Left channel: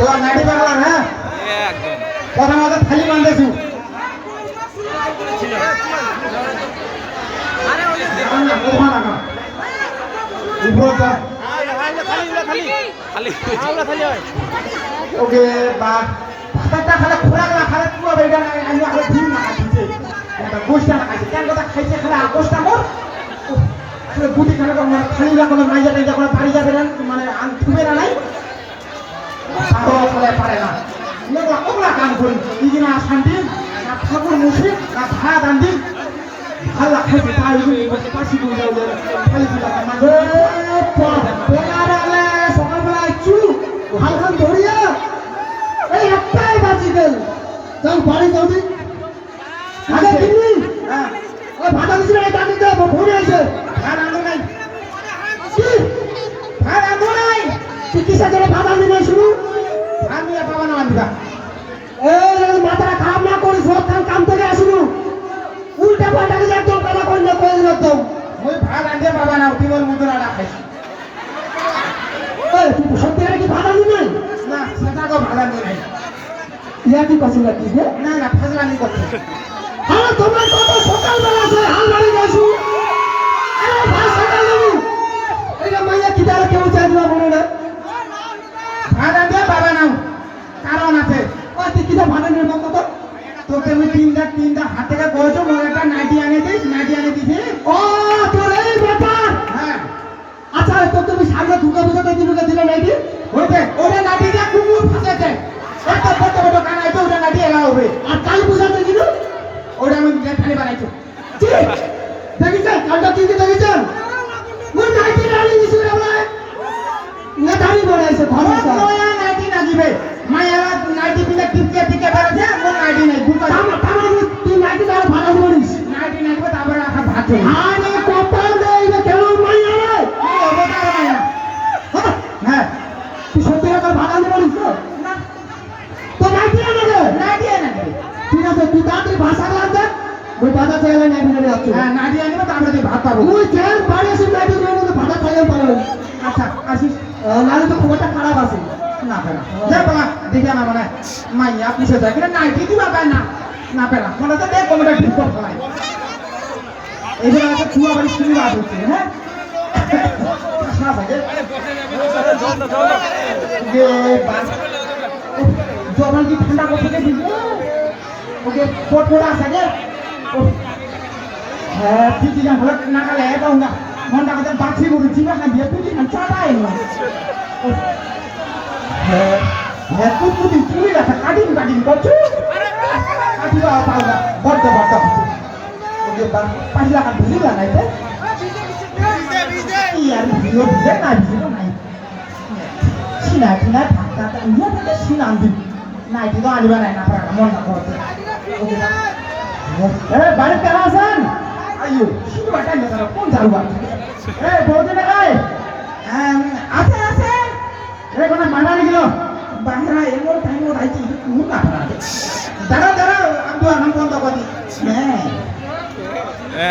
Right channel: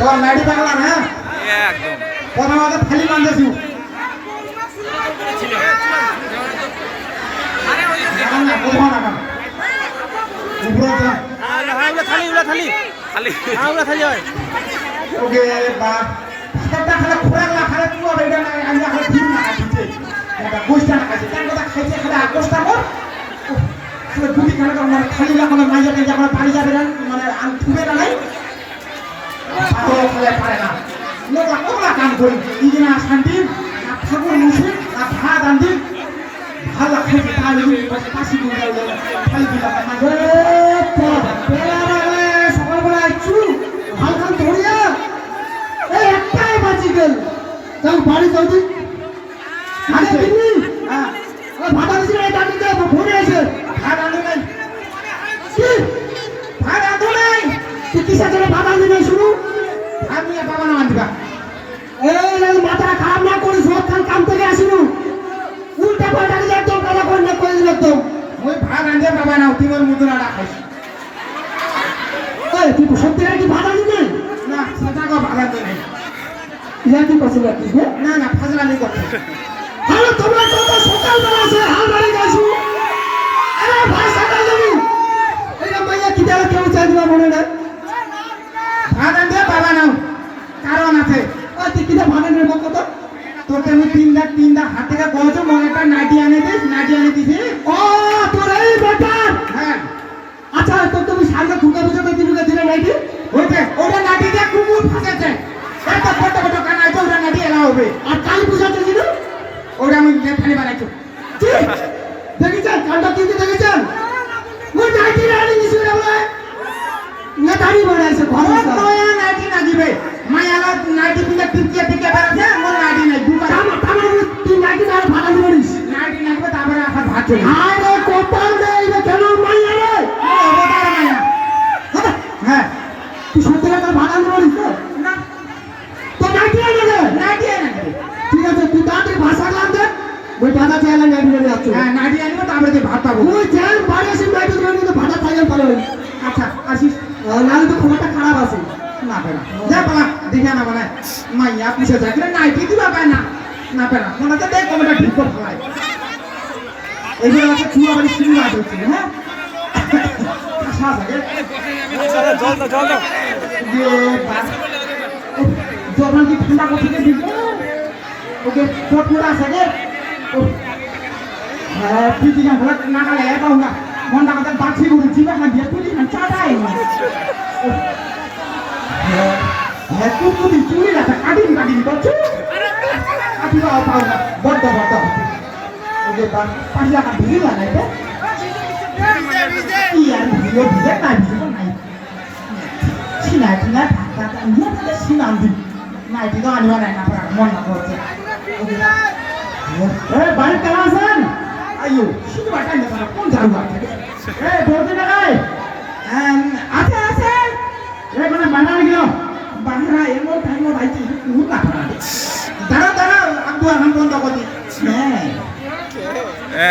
তোমার নাইটি পারলাম হ্যাঁ? একদম। প্রথম আগে খালি। ওকে বা। একটা খালে খোরাক না খালে তুলো বেটা না আমি খালে ঠিক না খাইছে এটা গোষ্ঠা না খাইছে কেন কথা খাইছে খালে গোষ্ঠা কর খালে গুটি খালে কর মানে খালি লাগো না মাইয়া নাই যখন বাড়ি যাবে না মানে আম না নাই পাগল খালে পারে না কোলা কাম করি ইদিনা শান্তি না ঠাকুর মুসলিম না ভাত আন্দি ভালো খাইছে তাই কাশি যাও দিলা না সকালবেলা আইছু এই একটাই বাঁচি গেল। যাও বাড়ি যাও দিন আগে দিল্লি হ্যাঁ। ওই ভাড়া দিছিল এই দাঁড়ি দে ভরে এসে। ভাড়া আনু নাই। ভাড়া আনু নাই। কিসের জন্য ভাড়া আনু নাই শুরু আমি আর বাবা না আনবা এই এই মাথাটা খারাপ না করিস সব কাম কাম করে আসিনু উল্টা পাল্টা করে একদম কথা কই না কই একদম ওই ভাত আনতে বাবা না তিনল মুদ্রা রাখাইছি এই তুই সত্যি কি ভাড়া আনু নাই না সেটা কো ভাড়া আনু নাই। ইয়া কি পছন্দ করছিস না না ফাজলামি করছিস হ্যাঁ তোমরা কত সকালবেলা আছে হাল বাড়ি যাইছো আরে ভাই সকাল দিবি এই মাইয়া কি দাও কেউ চাই দিলা মনে না ভাড়া দে বাবা নাও। কারণ আছে। ও তুই কি ভাড়া নেব কত তোকে আমি তিন লাখ তিন লাখ হাত থেকে বলছো মোর একটা আনে দিস নাইটি আনে দিছি ও তোর এই ব্যাপার। হ্যাঁ। আচ্ছা তো তুমি সামনে ঢুকে বুঝাতে দিলে দিলে নাইটি? হইতে ওটা ফাঁসেছে একটা ফটো ফটো কানা তো ওটা দিয়ে এলা হবে। আর কাল বুঝাতে দিল ওটা আমি লেখানি বানাইছো ঠিক। দেখেছেন কালটা কি ওই বাধা চাইলে নাইটি নিয়ে যাচ্ছ হ্যাঁ নাইটি আনব তারপরে তুই ভাত পাবো চাইলে পারবে আচ্ছা আসিস নাহলে তো খুব একটা খারাপ আছে। না পেনা যা বাবা দেখে না মনে মাইয়া পুষে যায়। কিন্তু নাইটি দিবা পায় না। না পেনা মনে তো দেখ কোনটা ঠিক করে ফেলাই এইগুলো আমাকে চুয়া বাড়ি শুরু হ্যাঁ? জবান কি ঠান্ডা করছে যে দিব ওকে ফোট ফোট আছে যে হ্যাঁ তুই কি ভালো না খালে পাও না মনটা কথা বাছি গরু চিনা খাই দিয়ে তুই না চাটাই না হ্যাঁ হ্যাঁ তুই তুই চুরি রাখা কাটিং কাটিং করছ কাটিবা পাও না বড় বড় ওকে বা পাঁচ লাখ ভিজি লাগাই দে ইয়ার ভিজিও ভিজে না ভিজিও নাই চিনা চিনা ঢাকা ইয়ে থেকে চিনা দিন নাই দিকে আনিবা নাই না মন না করছে ওকে এ বাড়ি কেমন আছেন আইয়ো শুধু বাটা না কোন যাও বাটা এ বলতে না গায় আছে আছে এখানে বানাই গেল বাহিরা এমন টাইম ভাইছি নুন না দাঁড়া দাঁড়া আমি আমি বন্ধ করছি হ্যাঁ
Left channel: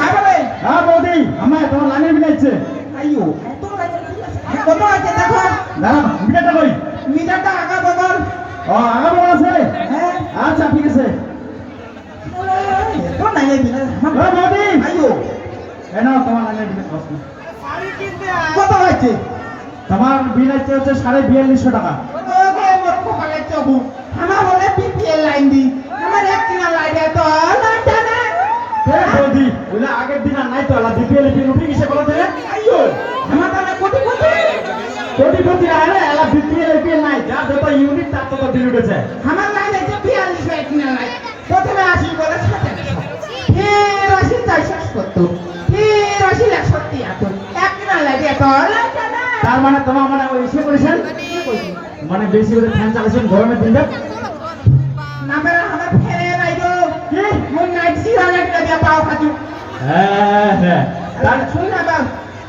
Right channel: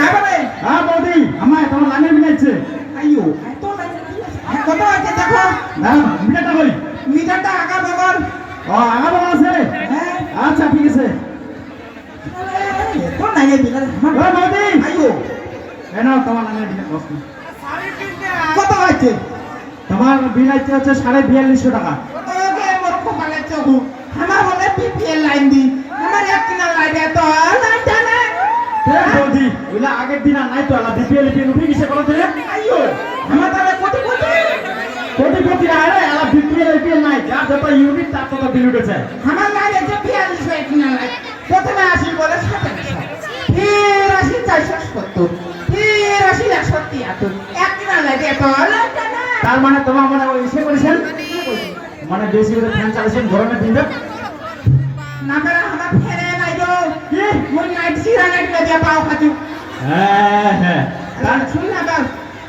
তারপরে হ্যাঁ বৌদি আমার তোমার লাগে মিলাইছে আইয়ো এত কত আছে দেখো না মিটারটা কই মিটারটা আগা বগর ও আগা বগর আছে হ্যাঁ আচ্ছা ঠিক আছে কোন হ্যাঁ বৌদি আইয়ো এনা তোমার বিনা কত হয়েছে তোমার বিল আছে হচ্ছে সাড়ে বিয়াল্লিশশো টাকা। আমার বলে বিপিএল লাইন দি আমার এক কিনা লাইন তো বৌদি ওইলা আগের দিন আর নাই তো আলা বিপিএল বিল উঠে গেছে বলো দিলে আইয়ো আমার তাহলে কোটি কোটি কোটি কোটি আরে আলা বিপিএল বিপিএল নাই যা যত ইউনিট তার তত বিল উঠেছে। আমার তার মানে তোমার মানে ওই ইসে করেছেন? মানে বেশি করে ফ্যান চালাছেন গরমের দিনটা? না আমার ফ্যানে নাই কি? মোর নাইট সিরা নাইট পাও খাতু হ্যাঁ হ্যাঁ। তার শুন না বাল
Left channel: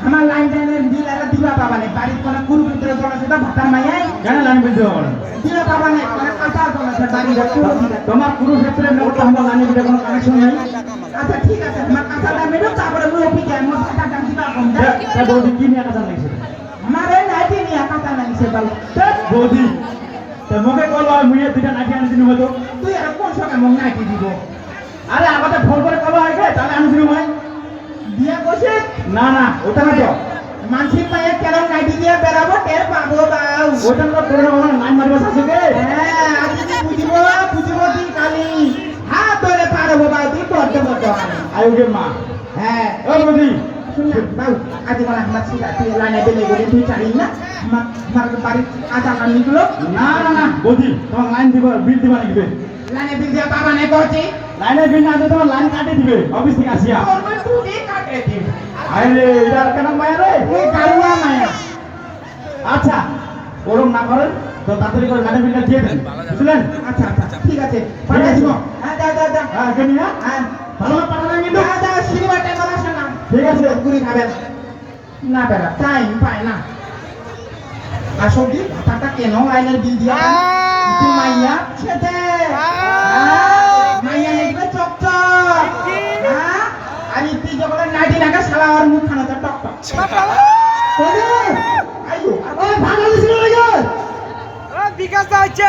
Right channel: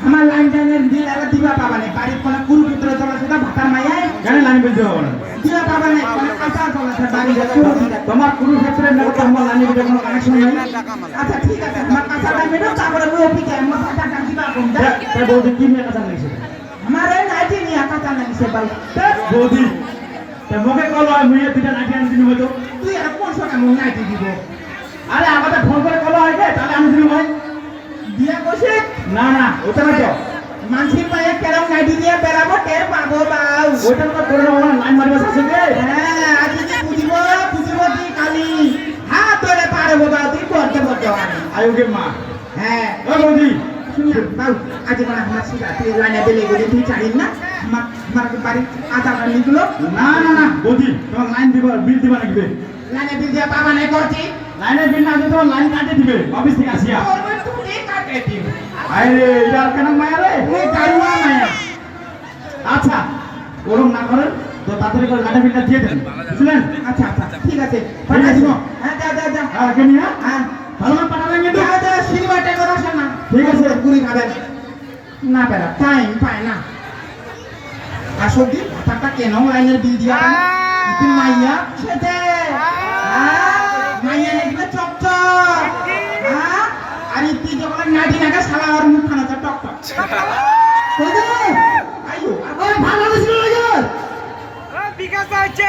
আমার লাইন জানেন দিল আর দিবা পাবা নে। বাড়ি কোন কুরু পুত্র জনা সুদা ভাতার মাইয়া কেন লাইন বলতে হবে না? দিলা পাবা নে কোন কাঁচা জনা সে বাড়ি যাচ্ছে তোমার কুরু ক্ষেত্রে মেরে তো লাইনে ভিতরে কোনো কানেকশন নেই? আচ্ছা ঠিক আছে তোমার তারপরে মুই অফিসে আমি ভাতাটা দিবা কোন দে তা বলতে কি নিয়ে কাঁচা লাগছে আমার এই নাইটি নিয়ে কাঁচা লাগছে বাল বৌদি তা মোকে কল হয় মুই দুটা নাকি আনি দিনু হয়তো। তুই এটা কোন সময় মন নাইটি দিব? আরে আমাকে ফোন করে কল হয় গে তাহলে আমি দিনু হয় বিয়া করছে না না ওটা না তো মানসির পায়ে কেরাম নাইটি দিয়ে বেড়াবো টের পাবো বাউ। ওটা তো করে আমার লাইন মারিব আছে গে হ্যাঁ আজ কি বুঝিব বুঝিব তুই কালি? হাত ধরে পারব বাউ তুই করতে করতে পারে আয়ো গে মা। হ্যাঁ ও বদি। শুনিয়া বাউ। আজ কাল আমরা সিগা তুই লাইনে বেলে গেলে তুই চাইন না? মা মার বাড়ি আধার কার্ড নিগুলো। না না না তোমার লাইন দিব বিল দিবা নাকি লাইনে বিল দিয়া বাবা নাই করছি। লাইনে বিল না দিলে তোমার লাইন কাটে দিবে অফিস থেকে আসিয়া। করবে তুই কাটে দিন আরে এটা কেন মায়া রে? এ গাড়ুয়া মায়া। আচ্ছা ওরম না করেন তো তাড়াতাড়ি করে লাইনে বিলটা দিয়ে দেন বুঝলেন? আচ্ছা আচ্ছা ঠিক আছে পাঠিয়ে দিব। হ্যাঁ যা যা যা। হ্যাঁ হ্যাঁ। ভালো পাঠাবেন কিন্তু। যা যা সিনেমাটা কথা শোন। ঠিক আছে। ঘুরি খাবেন। না বেড়া টাইম পায় না। আসল দিন টাকা কেন লাইনের বিল দিয়া? তুই মাইয়া সেতে মাইয়া নেকবে চকচক হ্যাঁ আর ইতি যখন নাটি নাকা সালা আর মুখ খানা টক টক। আইও ভালো লাগে বিকাশ আছে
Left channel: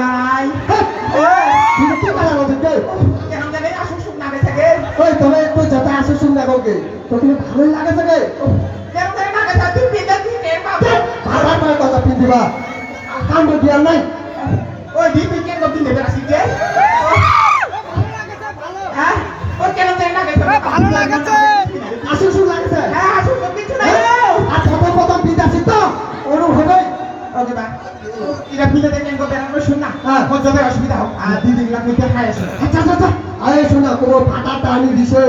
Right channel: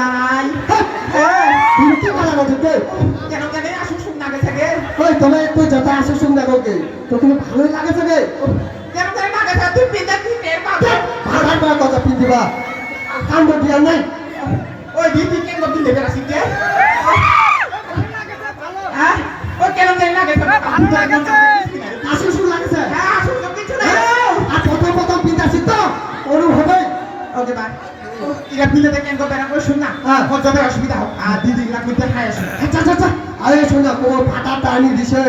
যথা আসে শুননা কাউকে। তো তুমি ভালোই না ভাড়া পাওয়ার কথা নাই। ওই দিদি কেন দিলে বেরাসি কে? হ্যাঁ? ও কেন জানি না গেছে ভালো লাগেছে। আসে শুন লাগেছে। হ্যাঁ আসুক তো কিছু নাই। আর প্রথম প্রথম পিন আসি তো। ওরম হবে ওকে বা ইরা ফিলে দেখেন গো বেরা করে শুন না। হ্যাঁ। অসুবিধা হোক আর দিদি খাই আসে। আচ্ছা আচ্ছা আরে শোনা কোনো ফাটা টানি দিছে।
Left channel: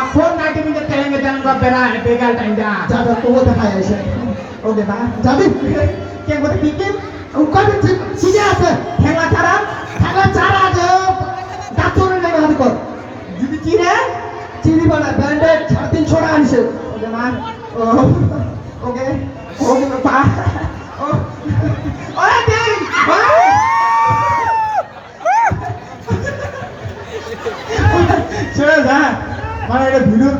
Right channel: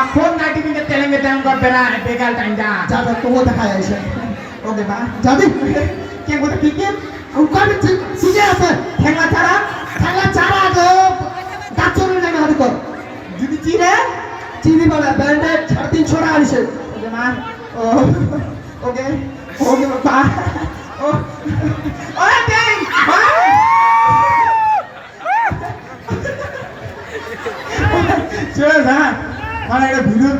মাখন নাইটি মিলে তেলেঙ্গে টান করবে না বেগাল টাইম দা যাবে তো দেখা আছে ও দেবা যাবে? কে গো পিকে উকাবে সিজে আছে? ঠেলা ছাড়া? ঠেলা ছাড়া গো। গাছুর লেগে হদিকো যদি চিরে চিনি বড়া ব্যান্ডে 350 টাকা আছে ওকে মা ওকে ওকে পা। Cheers, huh? আমার একটা ভিডিও